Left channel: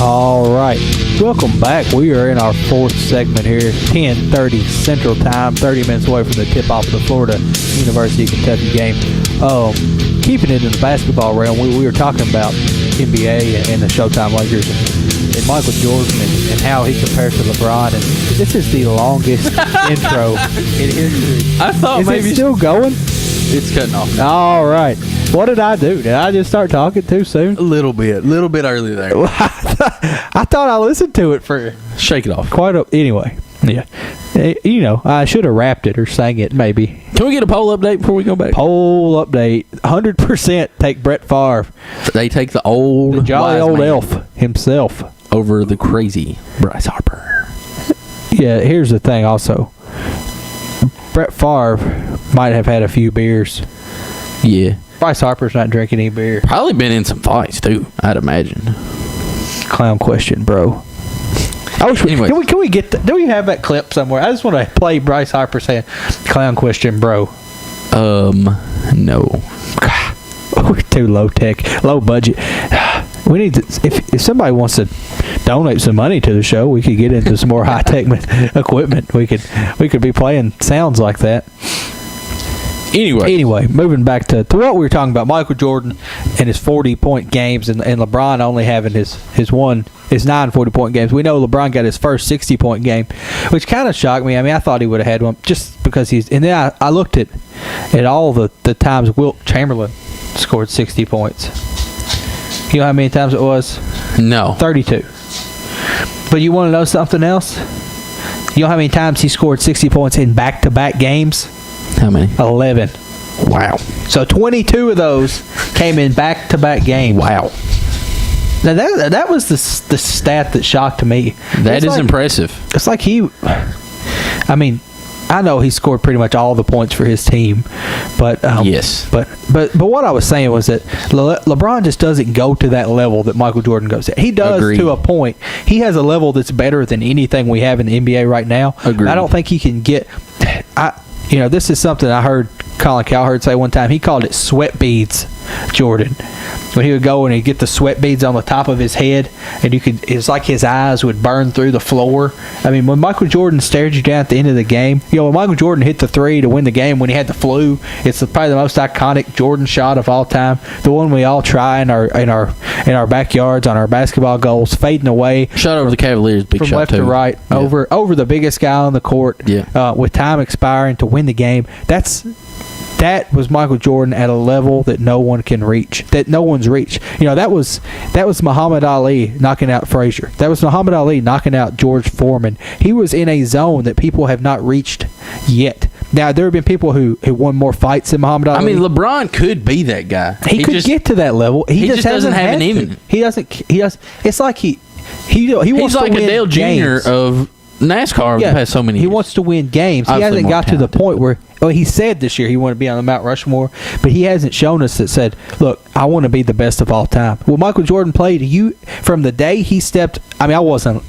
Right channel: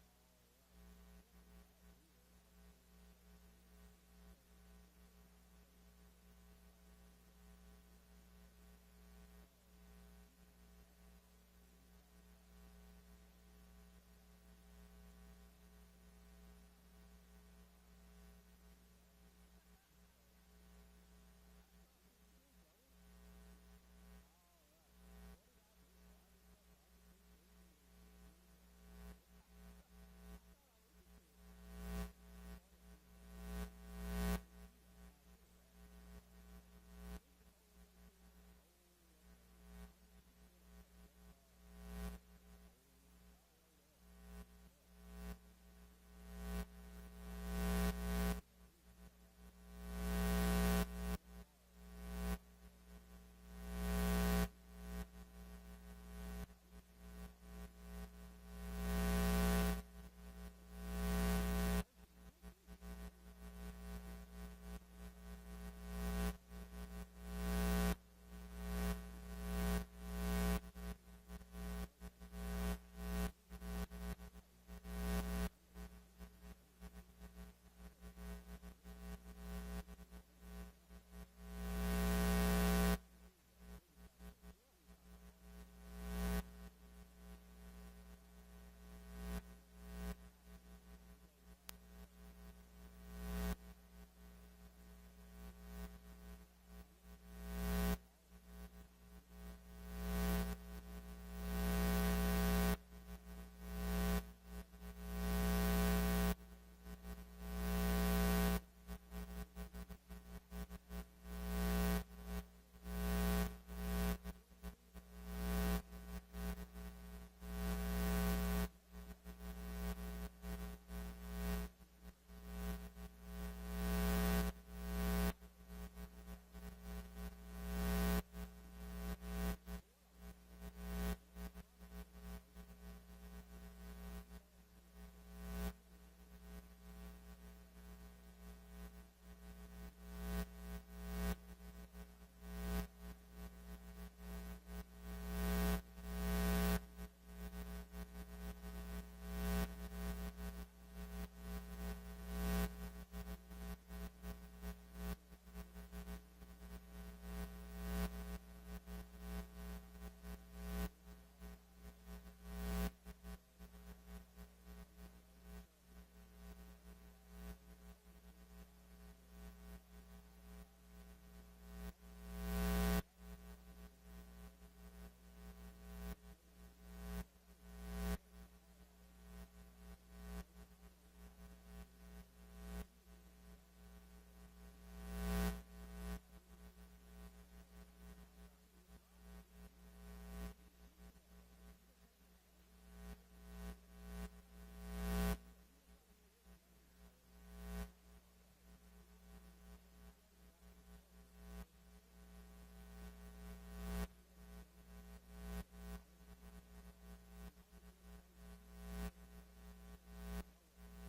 All right. Welcome back. We are in our fourth segment here, 10:30 Central Time, 30 minutes away from the tip-off of the Florida University of Kentucky game. Keeping it in the basketball realm, we were talking about NBA and the Showtime Lakers and Michael Jordan and how he compares to LeBron. And this is the longest intro in history. I thought maybe it still going? It's cutting off now. All right. What did I do? Did I just start talking too soon? A little bit early there. I thought I listened to it for Shake it off. anyway. Yeah. I should have rapped it or sang it maybe. Can we get a poll update before we go back? Poll update. 100% take Brett Favre. They take the old The jolly wise old man elf himself. over the crazy Bryce Harper. Yeah, here's the thing also. Brett Favre might have had a few beers. Yeah. Bryce Harper's not drinking any beer. Probably been in some fights too, I'd imagine. Clown question, bro. Anyways. Can we get do we have that clip somewhere? I just want to play Bryce Harper saying clown question, bro. No. We're too low tech, low budget. We need to, if somebody wants to donate some money to the show, we could get into some more high tech equipment. We could be playing sounds like that. Anyway, moving back to what we were talking about, Michael Jordan and his 40-point games, and LeBron only having his 9 40-point games. We know LeBron got his first 60-point game, which kind of shocked me. I mean, I thought he would have had one just because he's. And then I looked at all the times Wilt Chamberlain scored 60 points. You know how many times it was? No. 32. But you want to know something else? You know how many times he scored 60 points in back-to-back games? How many? 11. Wow. So 22 of those came in back-to-back games. Wow. Now that was the stat that shocked me. That is impressive. It's like I mean, I know he scored pretty much all the points for his team, but yes. But what I was saying was that LeBron just doesn't go to that level that Michael Jordan goes at. He does Agreed. to a point. He has a level that's better than anything we have in the NBA right now. Agreed. I don't think he can get. This is something I heard Colin Cowherd say one time. He called it sweat beads, Jordan. When he would go and he'd get the sweat beads on the top of his head, and it's like his eyes would burn through the floor. I mean, when Michael Jordan stared you down at the end of the game, when Michael Jordan hit the three to win the game when he had the flu, it's probably the most iconic Jordan shot of all time. The one we all try in our backyards on our basketball goals, fading away. Shot over the Cavaliers, big from shot left too. to right, Yeah. over the biggest guy on the court. Yeah. With time expiring to win the game. That was Michael Jordan at a level that no one can reach, that no one's reached. That was Muhammad Ali knocking out Frazier. That was Muhammad Ali knocking out George Foreman. He was in a zone that people have not reached yet. Now, there have been people who won more fights than Muhammad Ali. I mean, LeBron could be that guy. He could get to that level. He just doesn't have had it to. in him. He doesn't. He does. It's like he wants He's like to win a Dale games. Jr. of NASCAR the past so many years. He wants to win games. He Obviously hasn't more got to the talented. point where he said this year he wanted to be on the Mount Rushmore, but he hasn't shown us that said, look, I want to be the best of all time. Well, Michael Jordan played from the day he stepped. I mean, I wasn't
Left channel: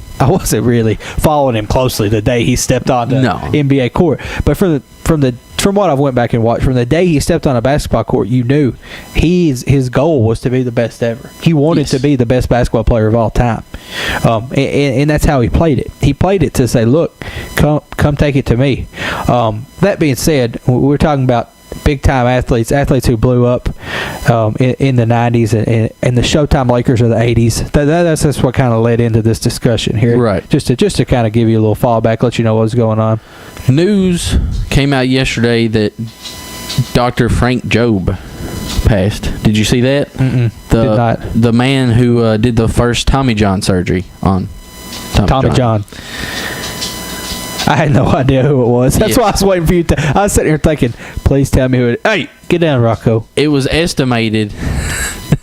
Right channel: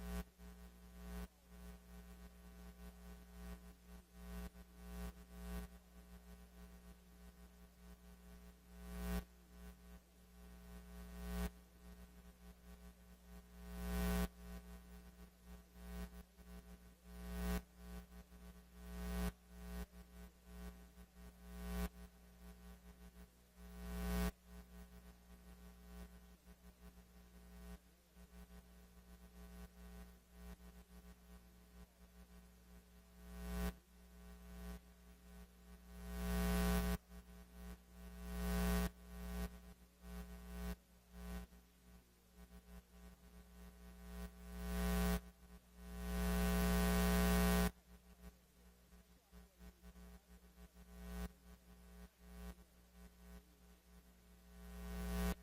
really following him closely the day he stepped on the NBA court, but from what I've went back and watched, from the day he stepped on a basketball court, you knew his goal was to be the best ever. He wanted to be the best basketball player of all time, and that's how he played it. He played it to say, "Look, come take it to me." That being said, we're talking about big-time athletes who blew up in the 90s and the Showtime Lakers of the 80s. That's what kind of led into this discussion here. Right. Just to kind of give you a little fallback, let you know what's going on. News came out yesterday that Dr. Frank Jobe passed. Did you see that? Did not. The man who did the first Tommy John surgery on Tommy John. I had no idea who it was. That's why I was waiting for you to. I was sitting here thinking, please tell me who it is. Hey, get down, Rocco. It was estimated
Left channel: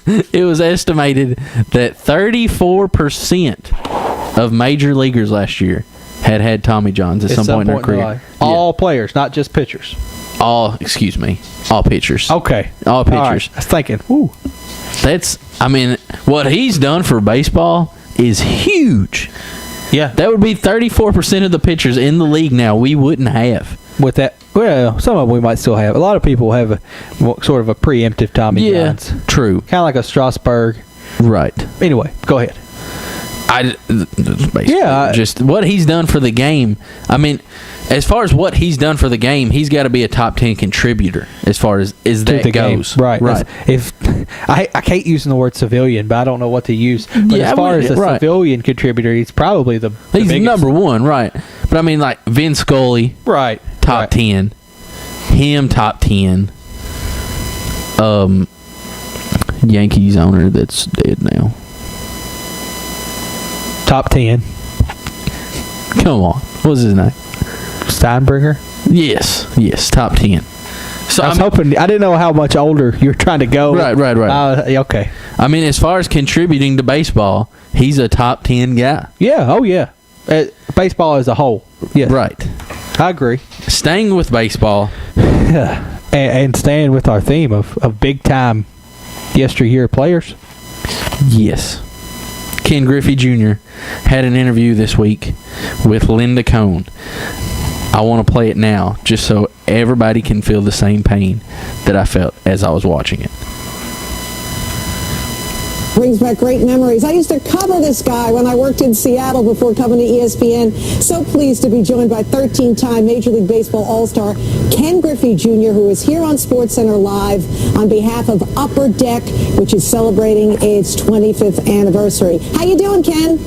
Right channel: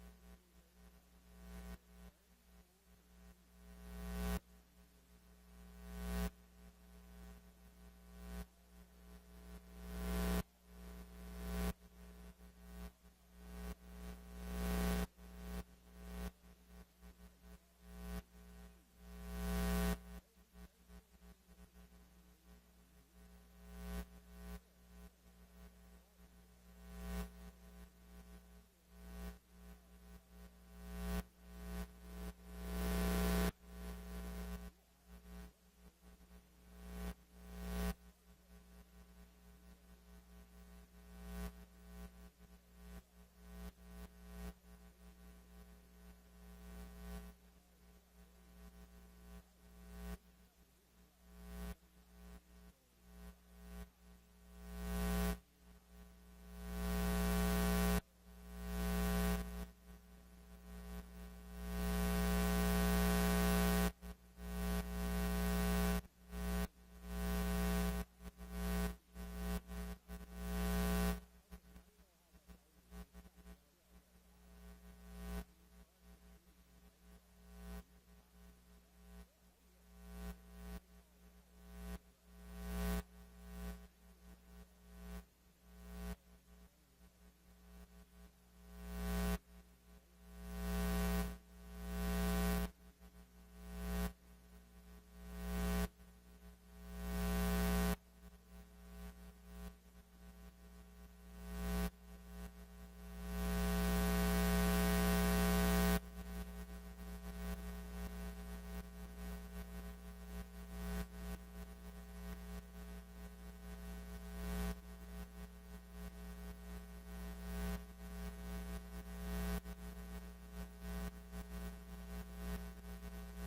that 34% of major leaguers last year had Tommy Johns at some point in their career. life. All players, not just pitchers. All pitchers. Okay. All pitchers. All right. I was thinking, ooh. What he's done for baseball is huge. Yeah. That would be 34% of the pitchers in the league now we wouldn't have. With that, well, some of them we might still have. A lot of people have sort of a preemptive Tommy Johns. True. Kind of like a Strasburg. Right. Anyway, go ahead. Just what he's done for the game. I mean, as far as what he's done for the game, he's got to be a top 10 contributor as far as that goes. Game. Right. If I hate using the word civilian, but I don't know what to use. But as far as a civilian contributor, he's probably the he's biggest. number one, right? But I mean, like Vin Scully, right? Top 10. Him top 10. Yankees owner that's dead now. Top 10. Come on, what's his name? Steinbrenner? Yes, top 10. So I was hoping, I didn't know how much older you were trying to go. Right. Okay. I mean, as far as contributing to baseball, he's a top 10 guy. Yeah, oh yeah. Baseball as a whole. Yes. Right. I agree. Staying with baseball. and staying with our theme of big-time yesteryear players. Yes. Ken Griffey Jr. had an interview this week with Linda Cohn. I want to play it now just so everybody can feel the same pain that I felt as I was watching it. Brings back great memories. I used to cover this guy when I worked in Seattle before coming to ESPN. So pleased to be joined by 13-time Major League Baseball All-Star Ken Griffey Jr., who is here on SportsCenter Live on behalf of Upper Deck, which is celebrating its 25th anniversary. How you doing, Ken?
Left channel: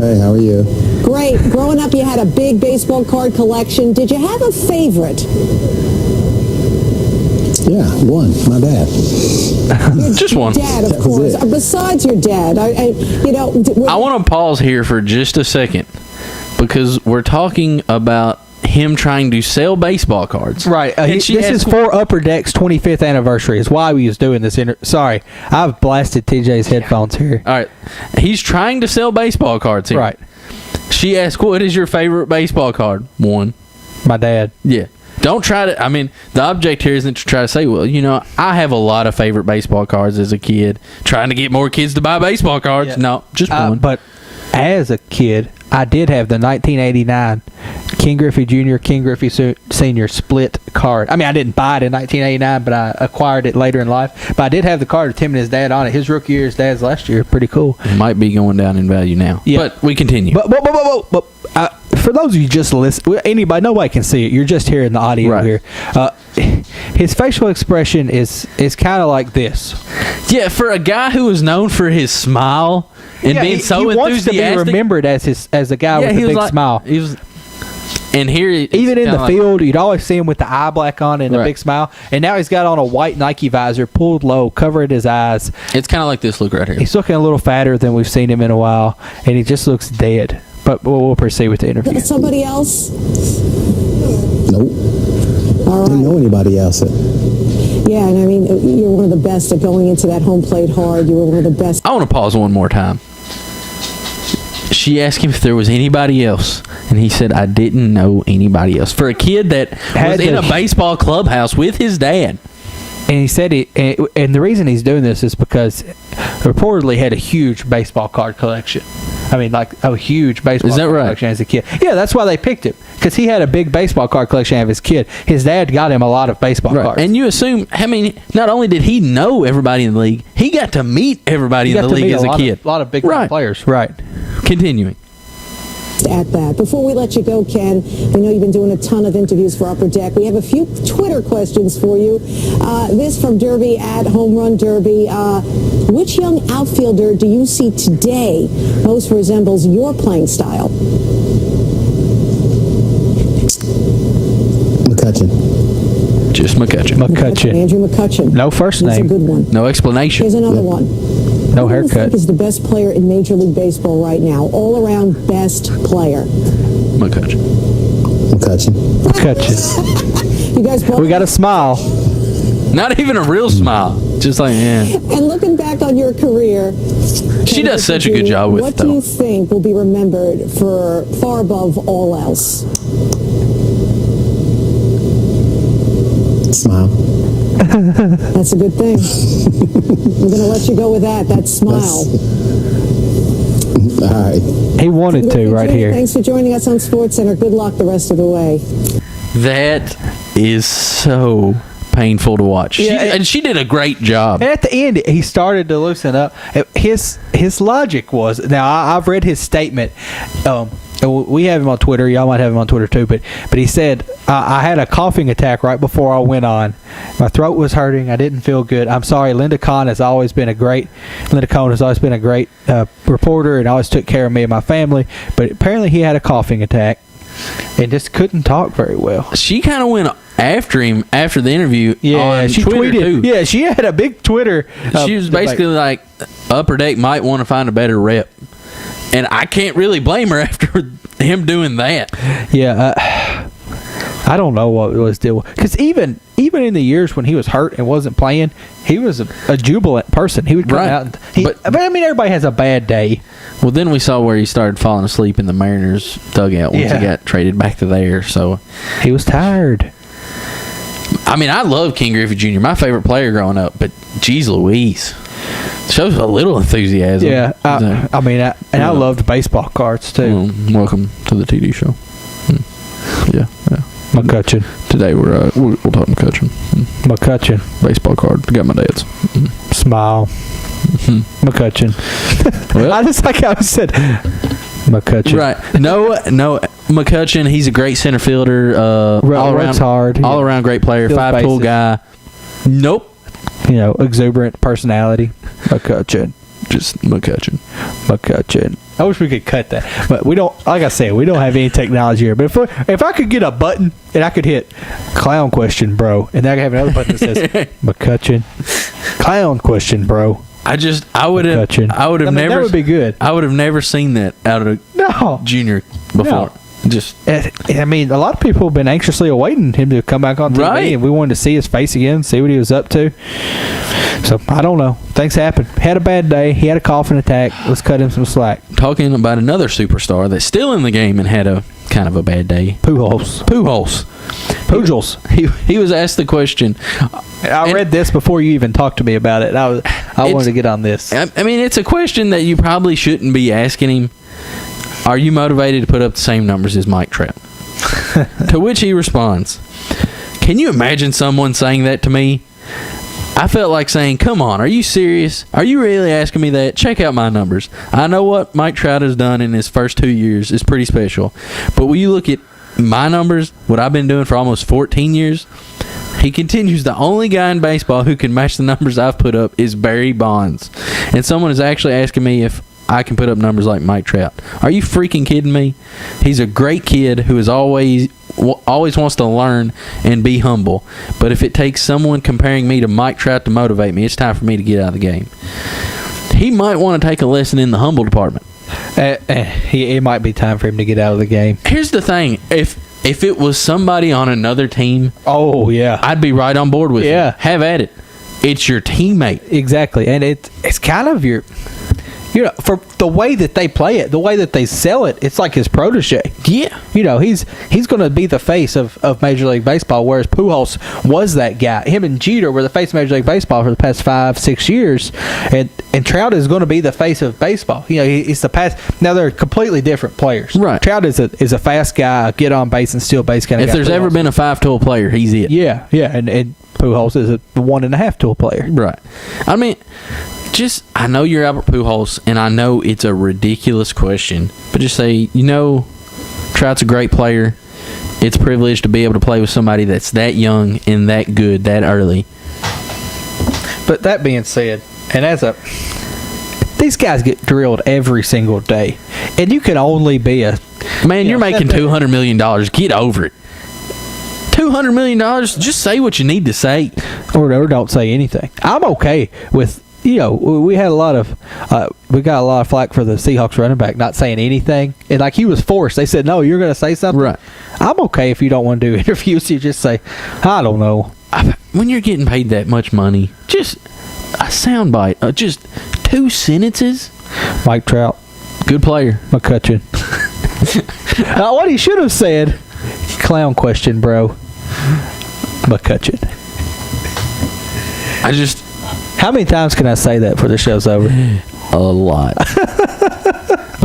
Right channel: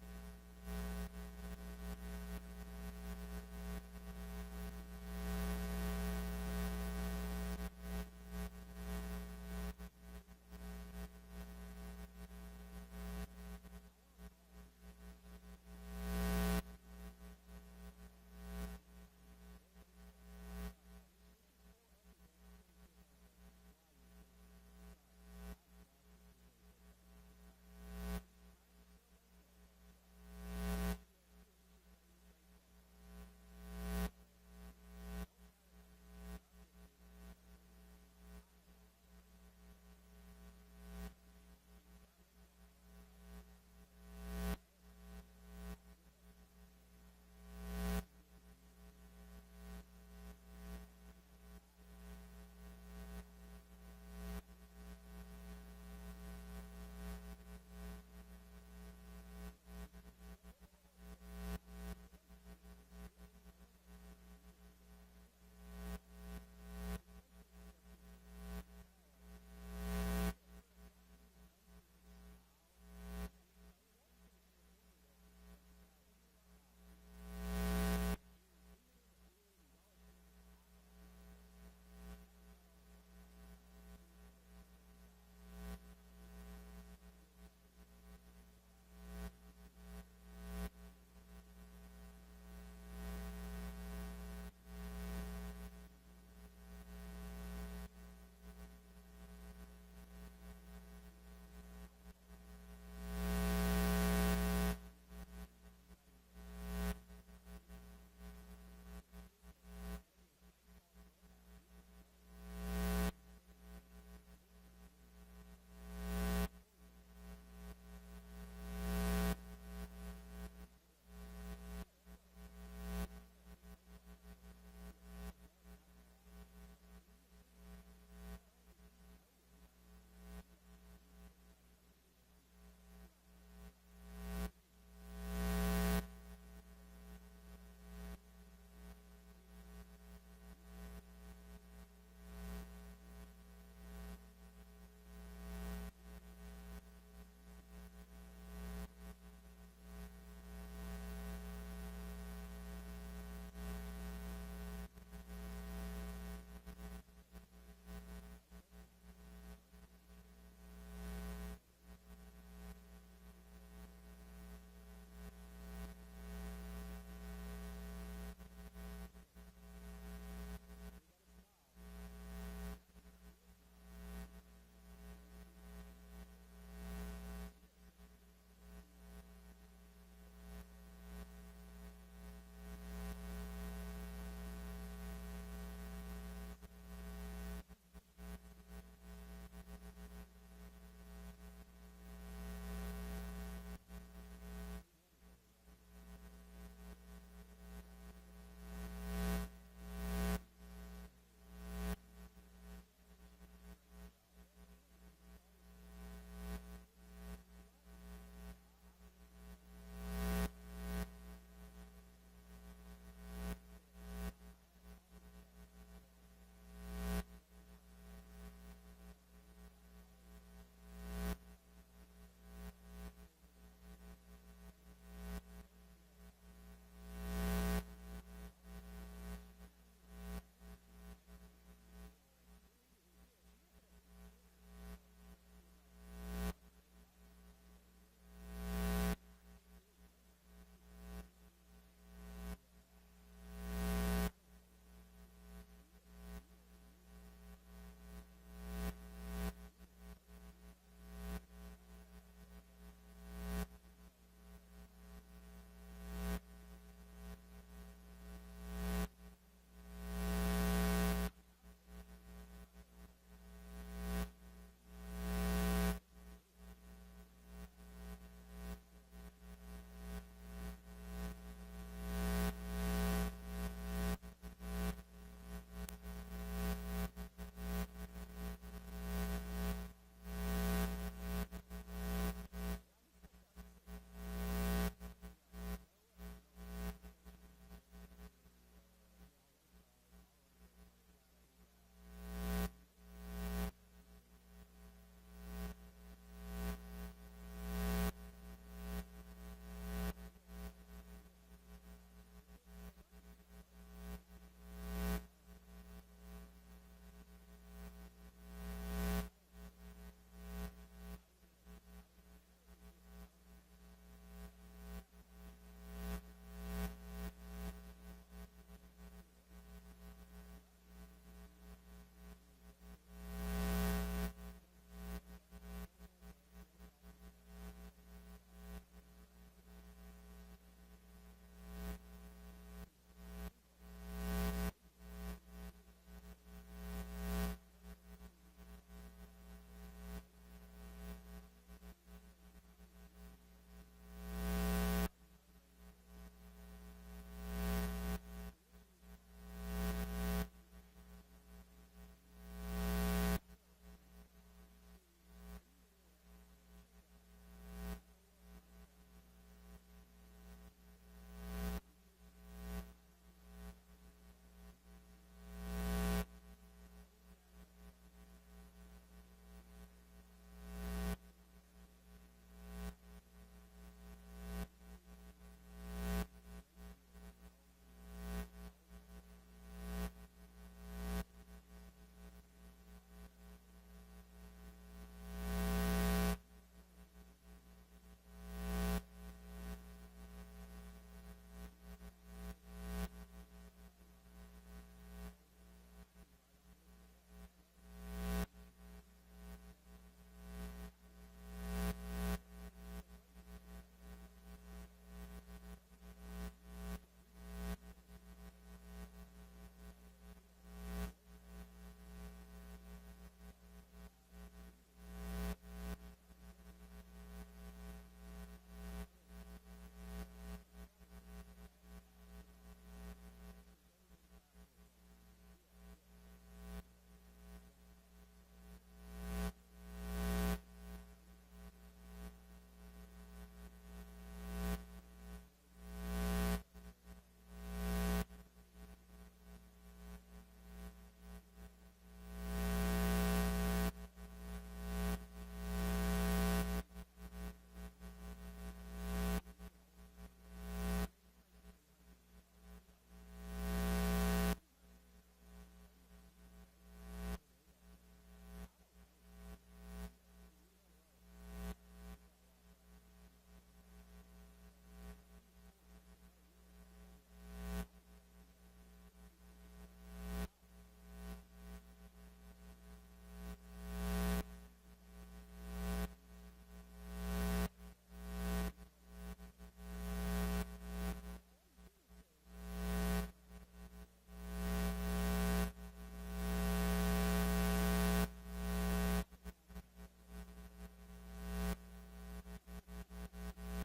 Hey, how are you? Great. Growing up, you had a big baseball card collection. Did you have a favorite? Yeah, one. My dad. Just one. Dad, of course. Besides your dad, I want to pause here for just a second because we're talking about him trying to sell baseball cards. Right. This is for Upper Deck's 25th anniversary. Is why we was doing this. Sorry, I've blasted TJ's headphones here. All right. He's trying to sell baseball cards here. Right. She asked, what is your favorite baseball card? One. My dad. Yeah. Don't try to, I mean, the object here isn't to try to say, well, you know, I have a lot of favorite baseball cards as a kid. Trying to get more kids to buy baseball cards. Yeah. No, just one. But as a kid, I did have the 1989 Ken Griffey Jr., Ken Griffey Sr. split card. I mean, I didn't buy it in 1989, but I acquired it later in life. But I did have the card with him and his dad on it. His rookie year, his dad's last year. Pretty cool. It might be going down in value now. Yeah. But we continue. But for those of you just listening, nobody can see it. You're just hearing the audio here. His facial expression is kind of like this. Yeah, for a guy who is known for his smile and being so he wants enthusiastic, to be remembered as a guy with a big smile. He was, and here, even in the field, you'd always see him with the eye black on and a big smile. And now he's got on a white Nike visor, pulled low, covering his eyes. It's kind of like this look right here. He's looking a little fatter than we've seen him in a while, and he just looks dead. But we'll proceed with the interview. Somebody else? Nope. All right. I don't know anybody else. Yeah, and I mean, you're one of the best at going into that home plate hard. You were one of the best. I want to pause one more time. She asked him if there was anybody else, and he said, I didn't know anybody else. For a kid that was in a baseball clubhouse with his dad. And he said and the reason he's doing this is because reportedly had a huge baseball card collection. I mean, like a huge baseball card collection as a kid. Yeah, that's why they picked him, because he had a big baseball card collection as a kid. His dad got him a lot of baseball cards. And you assume, I mean, not only did he know everybody in the league, he got to meet everybody in the league as a kid. A lot of big players. Right. Continuing. At that. Before we let you go, Ken, we know you've been doing a ton of interviews for Upper Deck. We have a few Twitter questions for you. This from Derby at Home Run Derby. Which young outfielder do you see today most resembles your playing style? McCutchen. Just McCutchen. Andrew McCutchen. No first name. That's a good one. No explanation. Here's another one. No haircut. Who do you think is the best player in Major League Baseball right now? All-around best player. McCutchen. McCutchen. You guys both. We got a smile. Not even a real smile. Just like, And looking back on your career, she does such a good job with it. What do you think will be remembered for far above all else? Smile. That's a good thing. I'm going to let you go with that. That smile. All right. He wanted to right here. Thanks for joining us on SportsCenter. Good luck the rest of the way. That is so painful to watch. Yeah, And she did a great job. And at the end, he started to loosen up. His logic was, now I've read his statement. We have him on Twitter. Y'all might have him on Twitter too. But he said, I had a coughing attack right before I went on. My throat was hurting. I didn't feel good. I'm sorry. Linda Cohn has always been a great reporter and always took care of me and my family. But apparently he had a coughing attack and just couldn't talk very well. She kind of went after him after the interview. Yeah, on she Twitter tweeted. too. Yeah, she had a big Twitter. She was basically like, Upper Deck might want to find a better rep. And I can't really blame her after him doing that. Yeah, I don't know what it was deal because even in the years when he was hurt and wasn't playing, he was a jubilant person. He would come Right. out. But I mean, everybody has a bad day. Well, then we saw where he started falling asleep in the Mariners dugout once Yeah. he got traded back to there. So, He was tired. I mean, I love Ken Griffey Jr., my favorite player growing up, but geez Louise. Shows a little enthusiasm. Yeah, So, I mean, I loved baseball cards too. welcome to the TD show. Yeah. McCutcheon, Today we'll talk McCutcheon. McCutcheon, Baseball card. Got my dad's. smile, McCutcheon. Well, I just like how I said McCutcheon. right. No, McCutcheon, he's a great center fielder. All Works around, hard. all around great player. Steals 5-tool bases. guy. Nope. Exuberant personality. McCutcheon. Just McCutcheon. I wish we could cut that, but we don't. Like I said, we don't have any technology here. But if I could get a button and I could hit clown question, bro, and then I could have another button that says McCutcheon, clown question, bro. I would McCutcheon. have I mean, never. that would be good. I would have never seen that out of No, Junior before. Just I mean, a lot of people have been anxiously awaiting him to come back on TV, Right. and we wanted to see his face again, see what he was up to. So I don't know. Things happen. Had a bad day. He had a coughing attack. Let's cut him some slack. talking about another superstar that's still in the game and had a kind of a bad day. Pujols. Pujols. He was asked the question. I read this before you even talked to me about it. I wanted to get on this. I mean, it's a question that you probably shouldn't be asking him. Are you motivated to put up the same numbers as Mike Trout? To which he responds, can you imagine someone saying that to me? I felt like saying, come on, are you serious? Are you really asking me that? Check out my numbers. I know what Mike Trout has done in his first 2 years is pretty special. But when you look at my numbers, what I've been doing for almost 14 years, he continues, the only guy in baseball who can match the numbers I've put up is Barry Bonds. And someone is actually asking me if I can put up numbers like Mike Trout. Are you freaking kidding me? He's a great kid who is always wants to learn and be humble. But if it takes someone comparing me to Mike Trout to motivate me, it's time for me to get out of the game. He might want to take a lesson in the humble department. It might be time for him to get out of the game. Here's the thing. If it was somebody on another team, Oh, yeah. I'd be right on board with Yeah. you. Have at it. It's your teammate. Exactly. And it's kind of your... for the way that they play it, the way that they sell it, it's like his protege. Yeah. He's going to be the face of Major League Baseball, whereas Pujols was that guy. Him and Jeter were the face of Major League Baseball for the past 5-6 years, and Trout is going to be the face of baseball. He's the past. Now they're completely different players. Right. Trout is a fast guy, get on base and steal base kind of If guy. there's ever Pujols- been a 5-tool player, he's it. yeah, and Pujols is a 1.5 tool player. Right. I mean, I know you're Albert Pujols, and I know it's a ridiculous question, but just say, Trout's a great player. It's a privilege to be able to play with somebody that's that young and that good that early. But that being said, and these guys get drilled every single day, and you can only be Man, you're making that- $200 million. Get over it. $200 million, just say what you need to say. or don't say anything. I'm okay with. We had a lot of we got a lot of flack for the Seahawks running back not saying anything, and like he was forced. They said, "No, you're going to say something." Right. I'm okay if you don't want to do interviews. You just say, "I don't know." When you're getting paid that much money, just a soundbite, just 2 sentences. Mike Trout, Good player. McCutcheon. What he should have said, clown question, bro. McCutcheon. How many times can I say that before the show's over? A lot.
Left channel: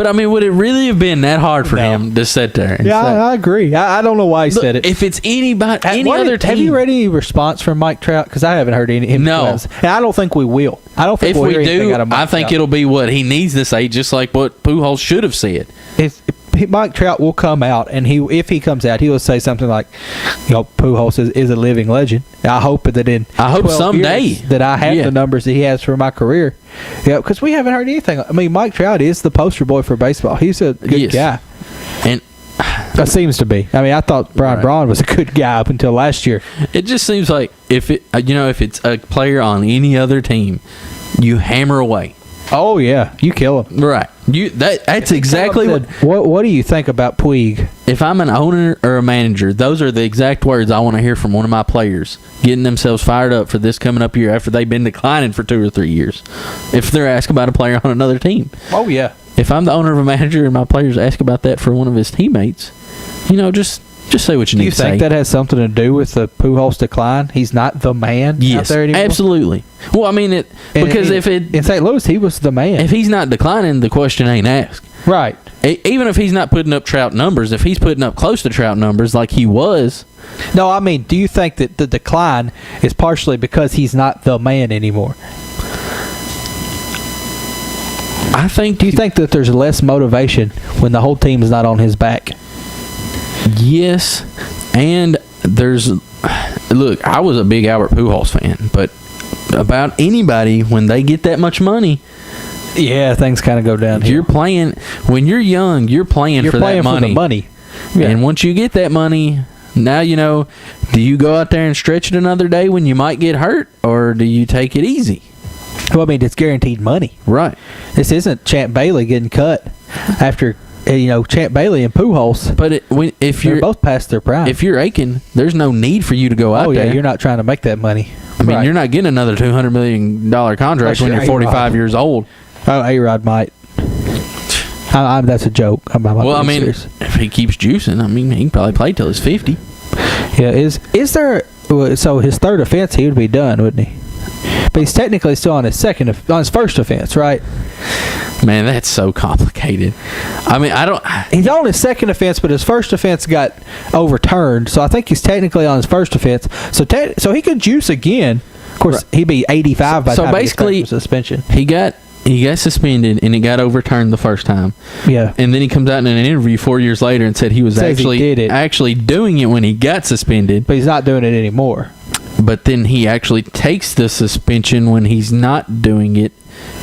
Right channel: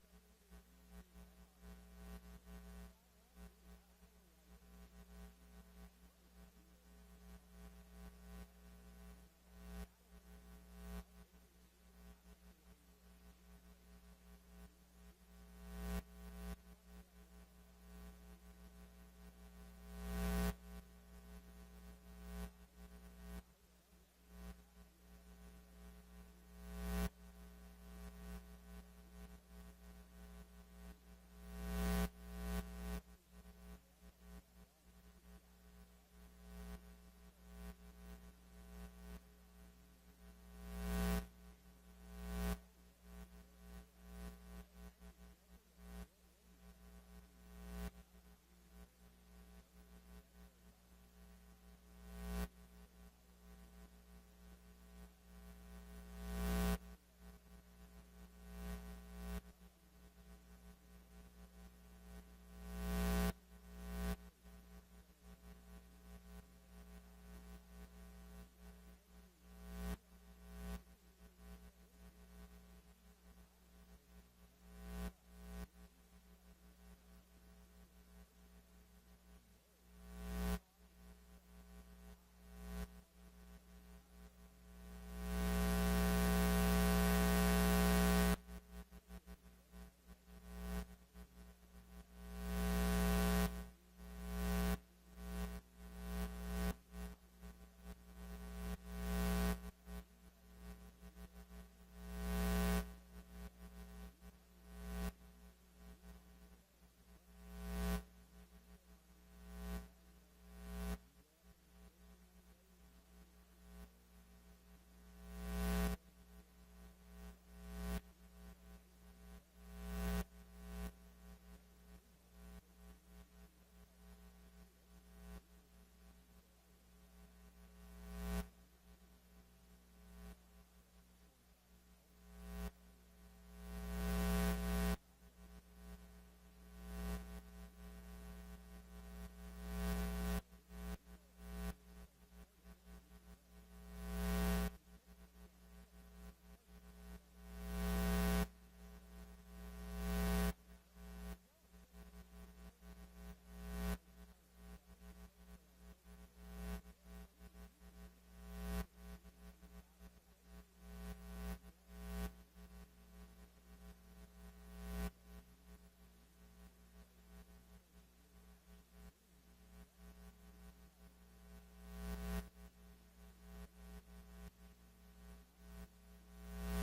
But I mean, would it really have been that hard for No. him to sit there? And Yeah, say, I agree. I don't know why he look, said it. if it's anybody, any What other did- team, Have you read any response from Mike Trout? Because I haven't heard any. No. And I don't think we will. I don't think if we'll we hear anything do, out of Mike I think Trout. it'll be what he needs to say, just like what Pujols should have said. If Mike Trout will come out, and if he comes out, he will say something like, Pujols is a living legend. I hope that in I hope 12 someday. years that I have Yeah. the numbers that he has for my career. Yeah, because we haven't heard anything. I mean, Mike Trout is the poster boy for baseball. He's a good Yes. guy. And That seems to be. I mean, I thought Brian Right. Braun was a good guy up until last year. it just seems like if it's a player on any other team, you hammer away. Oh yeah, you kill him. Right. That's exactly what. What do you think about Puig? If I'm an owner or a manager, those are the exact words I want to hear from one of my players, getting themselves fired up for this coming up year after they've been declining for 2 or 3 years. If they're asked about a player on another team, Oh yeah. if I'm the owner of a manager and my players ask about that for one of his teammates, just say what you Do need you to say. think that has something to do with the Pujols decline? He's not the man out Yes, there anymore. absolutely. Well, I mean because in St. Louis he was the man. if he's not declining, the question ain't asked. Right. Even if he's not putting up Trout numbers, if he's putting up close to Trout numbers like he was, No, I mean, do you think that the decline is partially because he's not the man anymore? I think. Do you think that there's less motivation when the whole team is not on his back? Yes, and look, I was a big Albert Pujols fan, but about anybody when they get that much money, Yeah, things kind of go down here. you're playing. When you're young, you're playing You're for playing that money. for the money. Yeah. And once you get that money, now do you go out there and stretch it another day when you might get hurt, or do you take it easy? Well, I mean, it's guaranteed money. Right. This isn't Champ Bailey getting cut after Champ Bailey and Pujols. But if They're you're both past their prime. if you're aching, there's no need for you to go out oh yeah, there. you're not trying to make that money. I mean, Right. you're not getting another $200 million contract when you're 45 years old. Oh, A-Rod might. That's a joke. I'm not Well, I being mean, serious. if he keeps juicing, I mean, he can probably play till he's 50. Yeah, is there? So his third offense, he would be done, wouldn't he? But he's technically still on his first offense, right? Man, that's so complicated. I mean, I don't. He's on his second offense, but his first offense got overturned, so I think he's technically on his first offense. So he could juice again. Of course, he'd be 85 by the So time basically, he gets back from suspension. He got suspended and it got overturned the first time. Yeah. And then he comes out in an interview 4 years later and said he was Says he did it. actually doing it when he got suspended. But he's not doing it anymore. But then he actually takes the suspension when he's not doing it,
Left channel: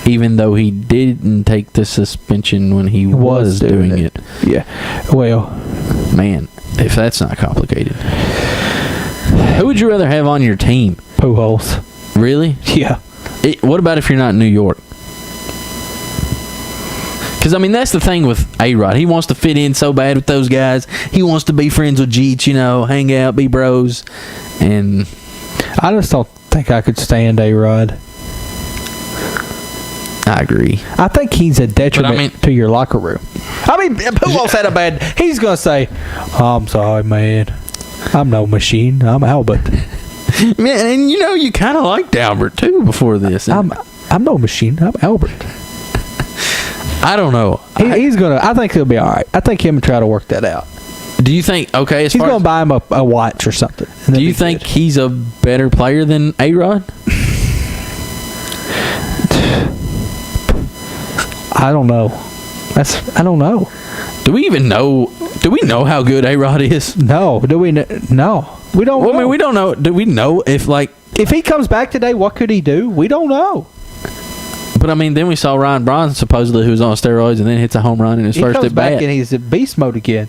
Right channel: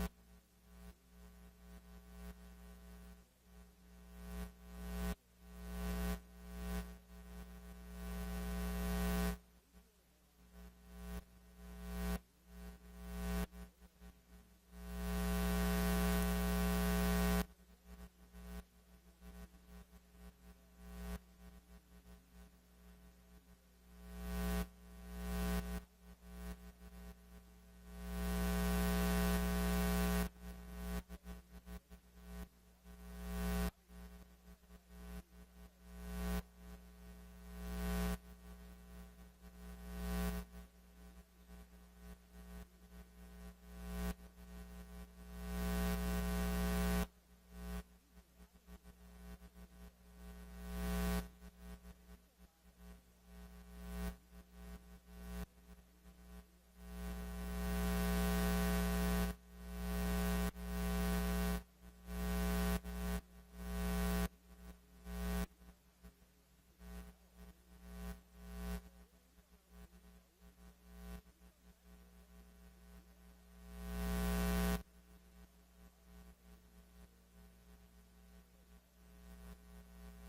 even though he didn't take the suspension when he was doing it. Yeah. Well, Man, if that's not complicated. Who would you rather have on your team? Pujols. Really? Yeah. What about if you're not in New York? Because, I mean, that's the thing with A-Rod. He wants to fit in so bad with those guys. He wants to be friends with Jeets, hang out, be bros. And I just don't think I could stand A-Rod. I agree. I think he's a detriment to your locker room. I mean, Pujols had a bad. He's gonna say, "I'm sorry, man. I'm no machine. I'm Albert. Man, and you kind of liked Albert, too, before this. I'm no machine. I'm Albert." I don't know. He's gonna. I think he'll be all right. I think him and try to work that out. Do you think, okay, He's gonna buy him a watch or something. and do that'd you be think good. he's a better player than A-Rod? I don't know. I don't know. Do we know how good A-Rod is? No. Do we? No. We don't. Well, know. I mean, we don't know. Do we know if, If he comes back today, what could he do? We don't know. but I mean, then we saw Ryan Braun supposedly who was on steroids and then hits a home run in his He first comes at back bat. and he's in beast mode again.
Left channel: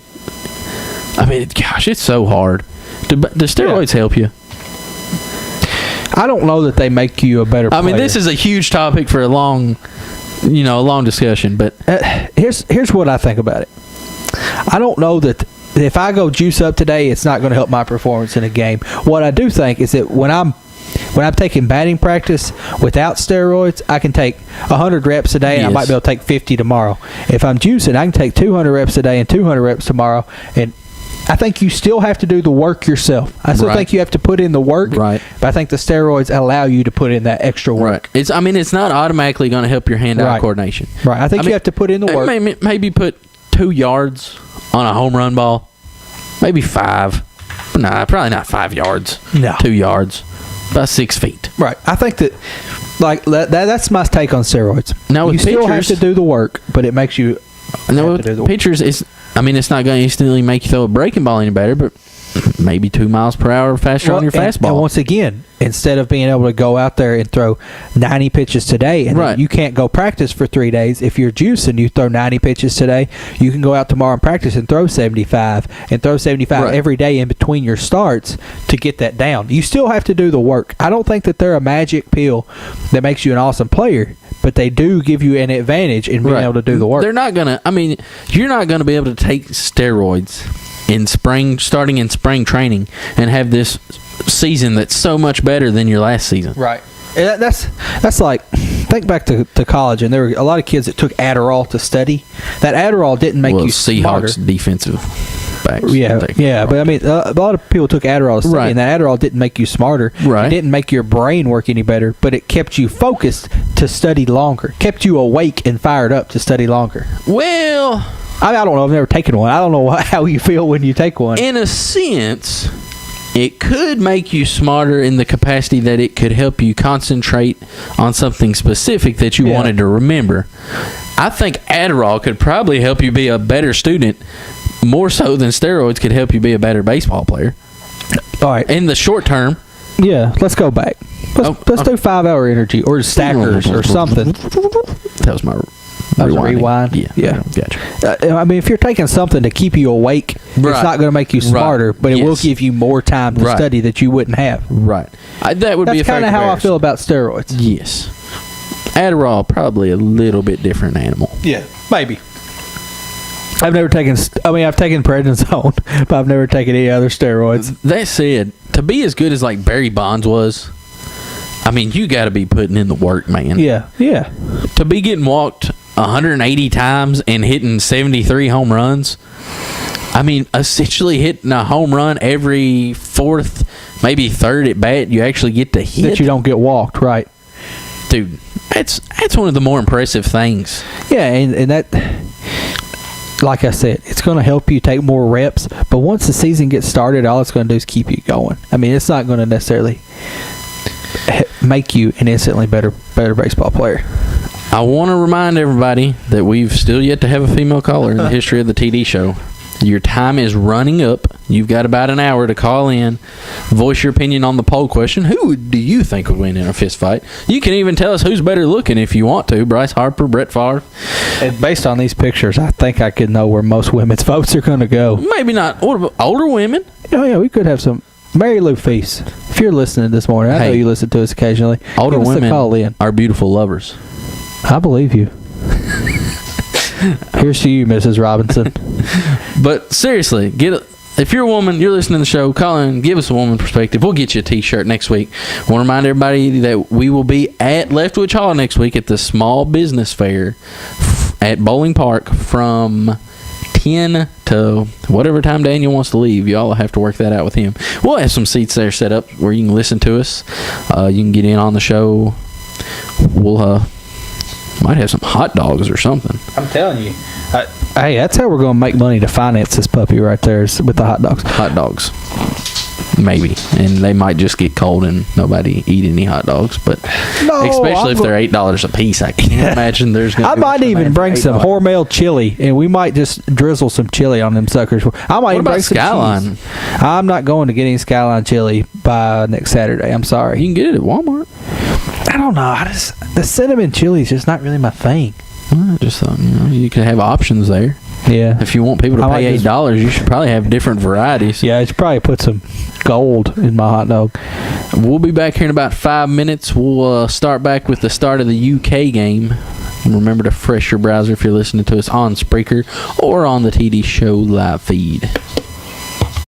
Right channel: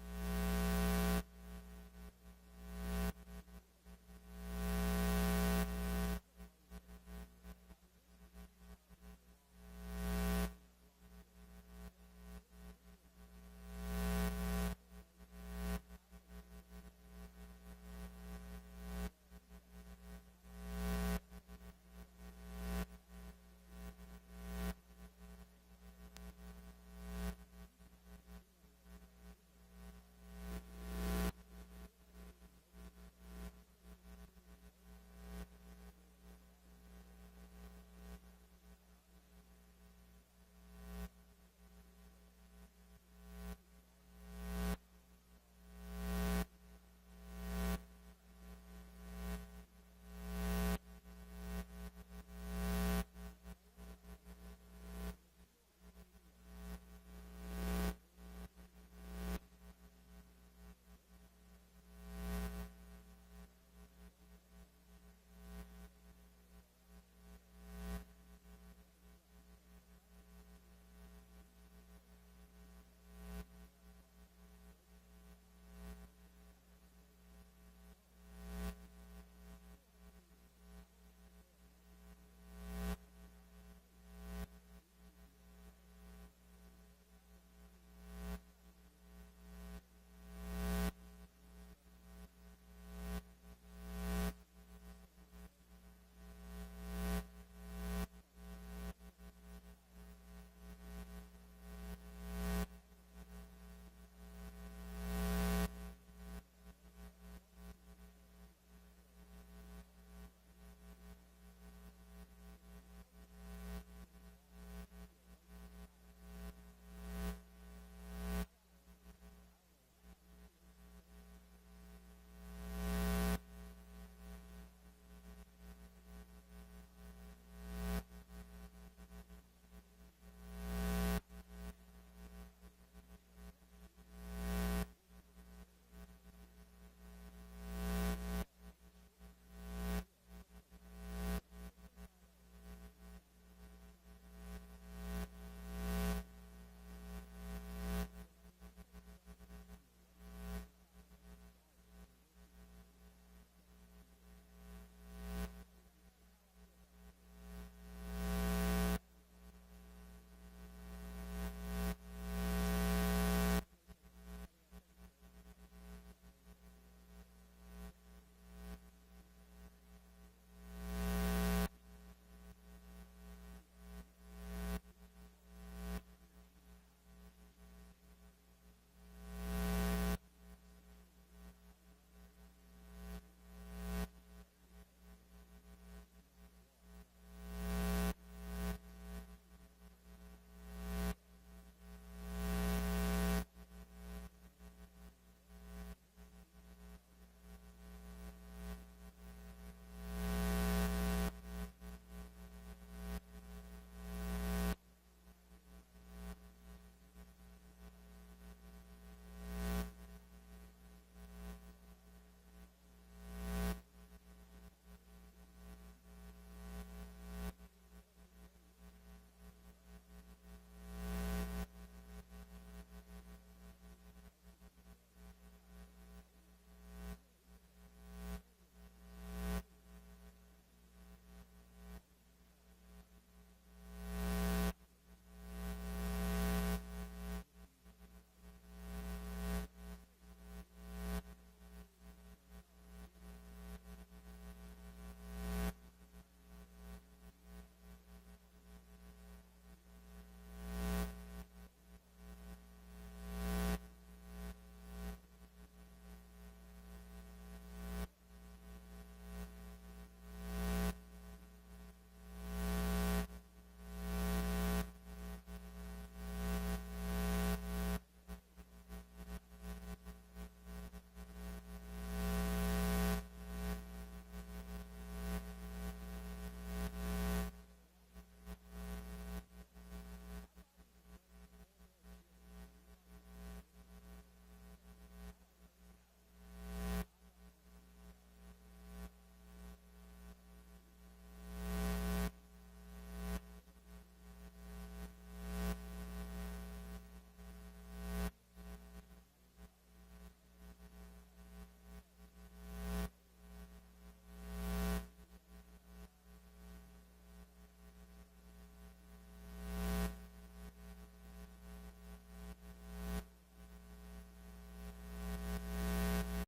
I mean, gosh, it's so hard. Do steroids help you? I don't know that they make you a better player. I mean, this is a huge topic for a long discussion, but here's what I think about it. I don't know that if I go juice up today, it's not going to help my performance in a game. What I do think is that when I'm taking batting practice without steroids, I can take 100 reps a day, and I Yes. might be able to take 50 tomorrow. If I'm juicing, I can take 200 reps a day and 200 reps tomorrow, and I think you still have to do the work yourself. I still Right. think you have to put in the work. Right. But I think the steroids allow you to put in that extra work. It's not automatically going to help your hand-eye Right. coordination. Right. I think you have to put in the work. Maybe put 2 yards on a home run ball. Maybe 5. Nah, probably not 5 yards. No. 2 yards. About 6 feet. Right. I think that, like that's my take on steroids. Now with you still have pitchers- to do the work, but it makes you. And then have with to do the work. pitchers, it's not going to instantly make you throw a breaking ball any better, but maybe 2 miles per hour faster on your fastball. And once again, instead of being able to go out there and throw 90 pitches today, and Right. then you can't go practice for 3 days. If you're juicing, you throw 90 pitches today. You can go out tomorrow and practice and throw 75, and throw 75 Right. every day in between your starts to get that down. You still have to do the work. I don't think that they're a magic pill that makes you an awesome player, but they do give you an advantage in being Right. able to do the work. They're not going to, you're not going to be able to take steroids starting in spring training and have this season that's so much better than your last season. Right. And that's like, think back to college, and there were a lot of kids that took Adderall to study. That Adderall didn't make you smarter. Seahawks defensive backs. Yeah, but I mean, a lot of people took Adderall to study, Right. and that Adderall didn't make you smarter. Right. It didn't make your brain work any better, but it kept you focused to study longer, kept you awake and fired up to study longer. Well, I don't know. I've never taken one. I don't know how you feel when you take one. in a sense, it could make you smarter in the capacity that it could help you concentrate on something specific that you Yeah. wanted to remember. I think Adderall could probably help you be a better student more so than steroids could help you be a better baseball player. All right. In the short term, Yeah, let's go back. Let's do 5-hour energy or stackers or something. that was my That was a rewinding. rewind? Yeah. Yeah. Gotcha. I mean, if you're taking something to keep you awake, Right. it's not going to make you Right. smarter, but it will Yes. give you more time to Right. study that you wouldn't have. Right. That would be a That's fair kind of how I comparison. feel about steroids. Yes. Adderall, probably a little bit different animal. Yeah, maybe. I've never taken. I've taken prednisone, but I've never taken any other steroids. That said, to be as good as like Barry Bonds was, you got to be putting in the work, man. Yeah, yeah. To be getting walked 180 times and hitting 73 home runs, essentially hitting a home run every fourth, maybe third at bat, you actually get to hit. That you don't get walked, right? Dude, that's one of the more impressive things. Yeah, and that, like I said, it's going to help you take more reps. But once the season gets started, all it's going to do is keep you going. It's not going to necessarily make you an instantly better baseball player. I want to remind everybody that we've still yet to have a female caller in the history of the TD show. Your time is running up. You've got about an hour to call in, voice your opinion on the poll question. Who do you think would win in a fist fight? You can even tell us who's better looking if you want to. Bryce Harper, Brett Favre. And based on these pictures, I think I could know where most women's votes are going to go. Maybe not. What about older women? Oh, yeah, we could have some. Mary Lou Feast, if you're listening this morning, I know Hey. you listen to us occasionally. Older Give us a women call in. are beautiful lovers. I believe you. Here's to you, Mrs. Robinson. But seriously, if you're a woman, you're listening to the show, call in, give us a woman perspective. We'll get you a T-shirt next week. I want to remind everybody that we will be at Leftwich Hall next week at the Small Business Fair at Bowling Park from 10 to whatever time Daniel wants to leave. Y'all have to work that out with him. We'll have some seats there set up where you can listen to us. You can get in on the show. We'll might have some hot dogs or something. I'm telling you. Hey, that's how we're going to make money to finance this puppy right there, is with the hot dogs. Hot dogs. Maybe. And they might just get cold and nobody eat any hot dogs. But especially if they're $8 a piece, I can't imagine there's going to I be might much even demand for bring some $8. Hormel chili, and we might just drizzle some chili on them suckers. I might What even about bring some Skyline? cheese. I'm not going to get any Skyline chili by next Saturday. I'm sorry. You can get it at Walmart. I don't know. The cinnamon chili is just not really my thing. I just thought, you could have options there. Yeah. If you want people to I might pay just- $8, you should probably have different varieties. Yeah, I should probably put some gold in my hot dog. We'll be back here in about 5 minutes. We'll start back with the start of the UK game. And remember to refresh your browser if you're listening to us on Spreaker or on the TD Show live feed.